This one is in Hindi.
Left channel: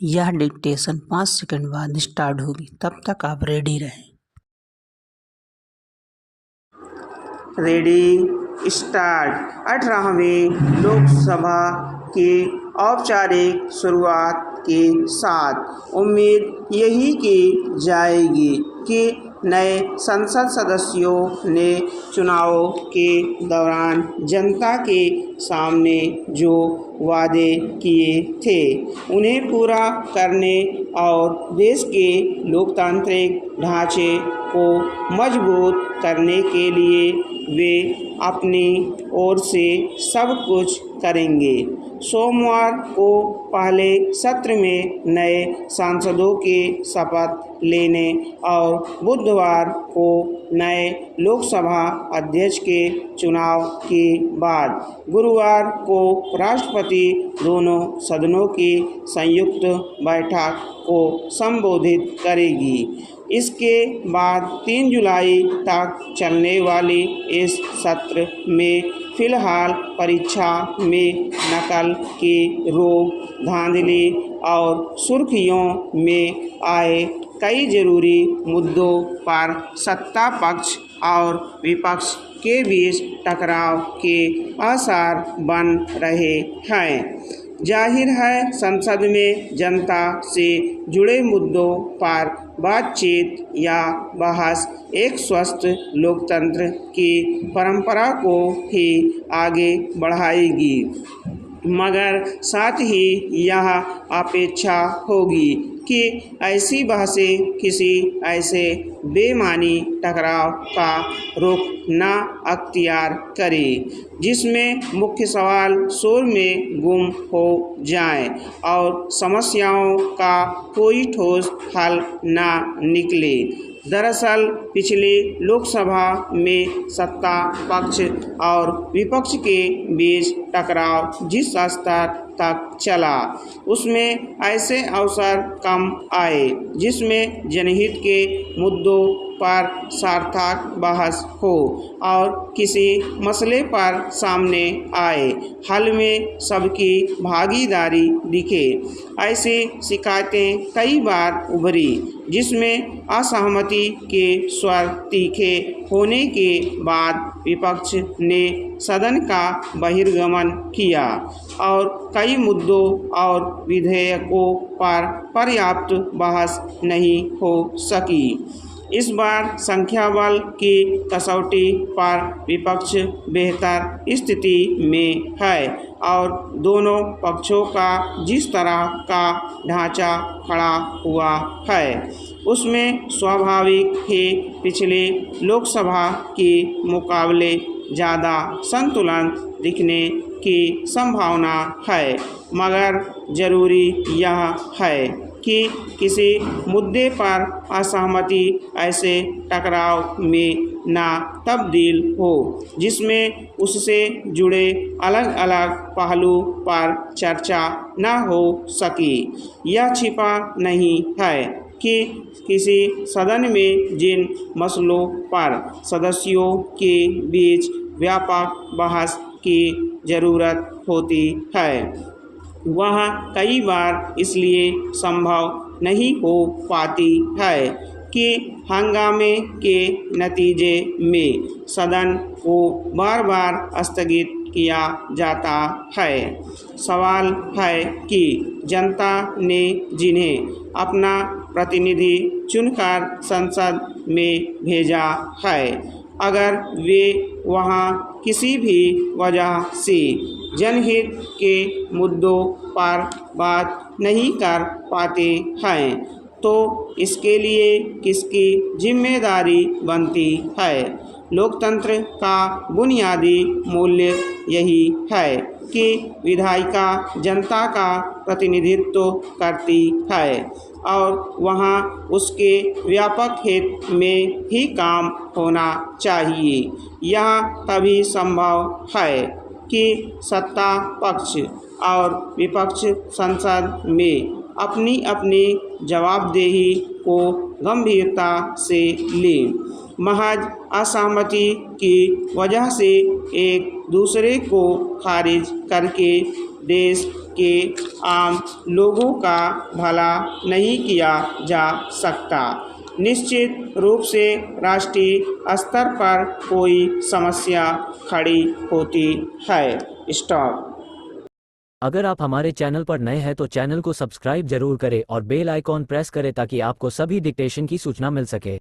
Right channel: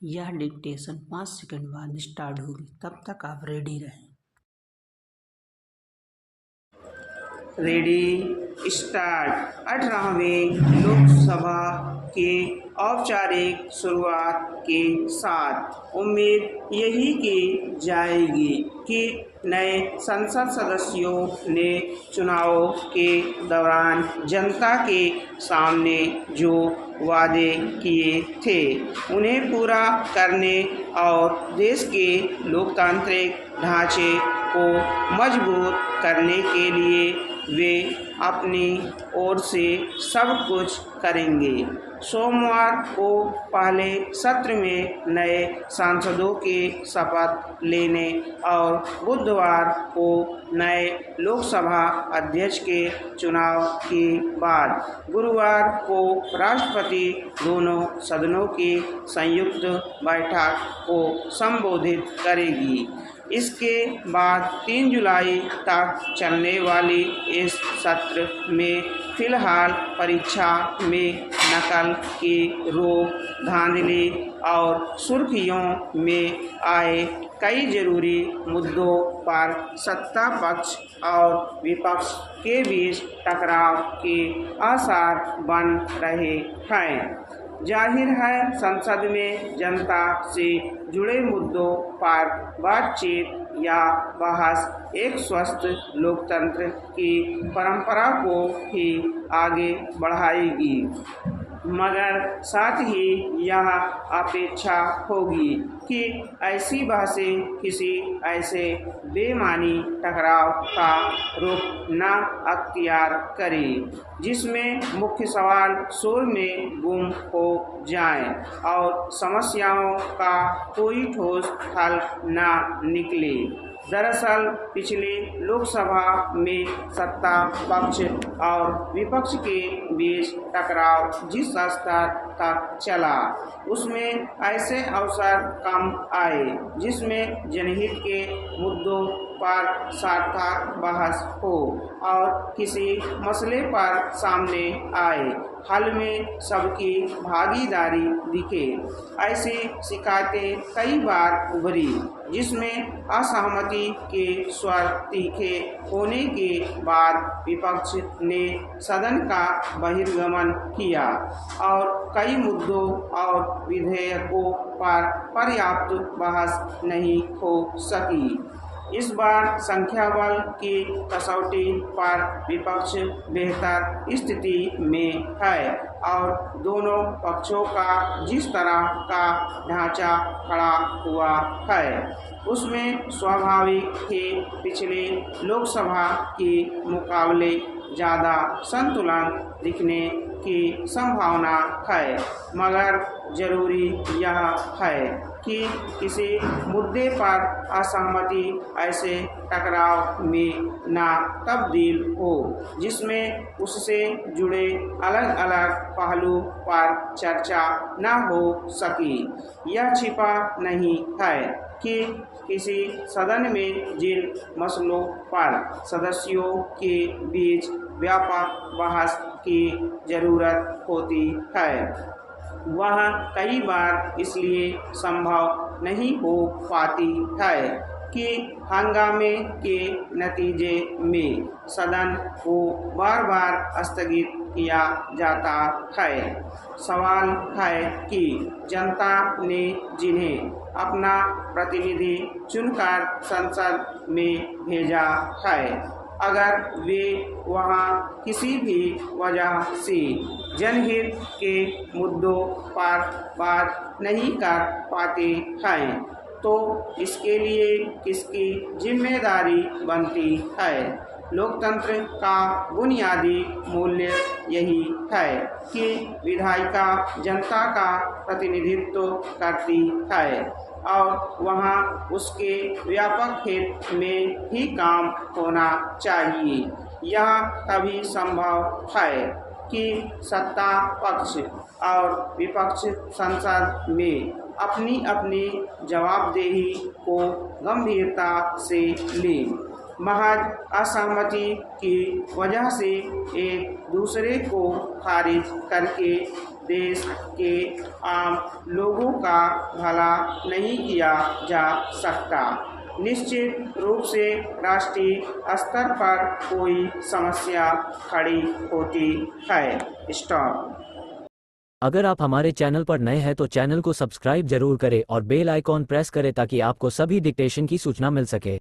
यह डिक्टेशन 5 सेकंड बाद स्टार्ट होगी, तब तक आप रेडी रहें। Ready start. 18वें लोकसभा के औपचारिक शुरुआत के साथ उम्मीद यही की जाएगी कि नए संसद सदस्यों ने चुनाव के दौरान जनता के सामने जो वादे किए थे उन्हें पूरा करने और देश के लोकतांत्रिक ढांचे को मजबूत करने के लिए वे अपनी ओर से सब कुछ करेंगे। सोमवार को पहले सत्र में नए सांसदों के शपथ लेने और बुधवार को नए लोकसभा अध्यक्ष के चुनाव के बाद गुरुवार को राष्ट्रपति दोनों सदनों की संयुक्त बैठक को संबोधित करेगी। इसके बाद 3 जुलाई तक चलने वाली इस सत्र में फिलहाल परीक्षा में नकल के रोक, धांधली और सुर्खियों में आए कई जरूरी मुद्दों पर सत्ता पक्ष और विपक्ष के बीच टकराव के आसार बन रहे हैं। जाहिर है संसद में जनता से जुड़े मुद्दों पर बातचीत या बहस एक स्वस्थ लोकतंत्र की परंपरा को ही आगे बढ़ाएगी, मगर साथ ही यह अपेक्षा होगी कि ऐसी बहसें किसी ऐसे बेमानी टकराव का रुख न अख्तियार करें जिसमें मुख्य सवाल शोर में गुम हो जाए और समस्याओं का कोई ठोस हल न निकले। दरअसल पिछले लोकसभा में सत्ता पक्ष और विपक्ष के बीच टकराव जिस स्तर तक चला उसमें ऐसे अवसर कम आए जिसमें जनहित के मुद्दों पर सार्थक बहस हो और किसी मसले पर सामने आए हल में सबकी भागीदारी दिखे। ऐसी शिकायतें कई बार उभरी जिसमें असहमति के स्वर तीखे होने के बाद विपक्ष ने सदन का बहिर्गमन किया और कई मुद्दों और विधेयकों पर पर्याप्त बहस नहीं हो सकी। इस बार संख्या बल की कसौटी पर विपक्ष बेहतर स्थिति में है और दोनों पक्षों का जिस तरह का ढांचा खड़ा हुआ है उसमें स्वाभाविक ही पिछले लोकसभा के मुकाबले ज़्यादा संतुलन दिखने की संभावना है, मगर ज़रूरी यह है कि किसी मुद्दे पर असहमति ऐसे टकराव में न तब्दील हो जिसमें उससे जुड़े अलग अलग पहलू पर चर्चा न हो सकी। यह छिपा नहीं है कि किसी सदन में जिन मसलों पर सदस्यों के बीच व्यापक बहस की ज़रूरत होती है वह कई बार इसलिए संभव नहीं हो पाती है कि हंगामे के नतीजे में सदन को बार बार स्थगित किया जाता है। सवाल है कि जनता ने जिन्हें अपना प्रतिनिधि चुनकर संसद में भेजा है अगर वे वहां किसी भी वजह से जनहित के मुद्दों पर बात नहीं कर पाते हैं तो इसके लिए किसकी जिम्मेदारी बनती है। लोकतंत्र का बुनियादी मूल्य यही है कि विधायिका जनता का प्रतिनिधित्व करती है और वहाँ उसके व्यापक हित में ही काम होना चाहिए। यह तभी संभव है कि सत्ता पक्ष और विपक्ष संसद में अपनी अपनी जवाबदेही को गंभीरता से लें। महज असहमति की वजह से एक दूसरे को खारिज करके देश के आम लोगों का भला नहीं किया जा सकता। निश्चित रूप से राष्ट्रीय स्तर पर कोई समस्या खड़ी होती है। स्टॉप। अगर आप हमारे चैनल पर नए हैं तो चैनल को सब्सक्राइब जरूर करें और बेल आइकॉन प्रेस करें ताकि आपको सभी डिक्टेशन की सूचना मिल सके।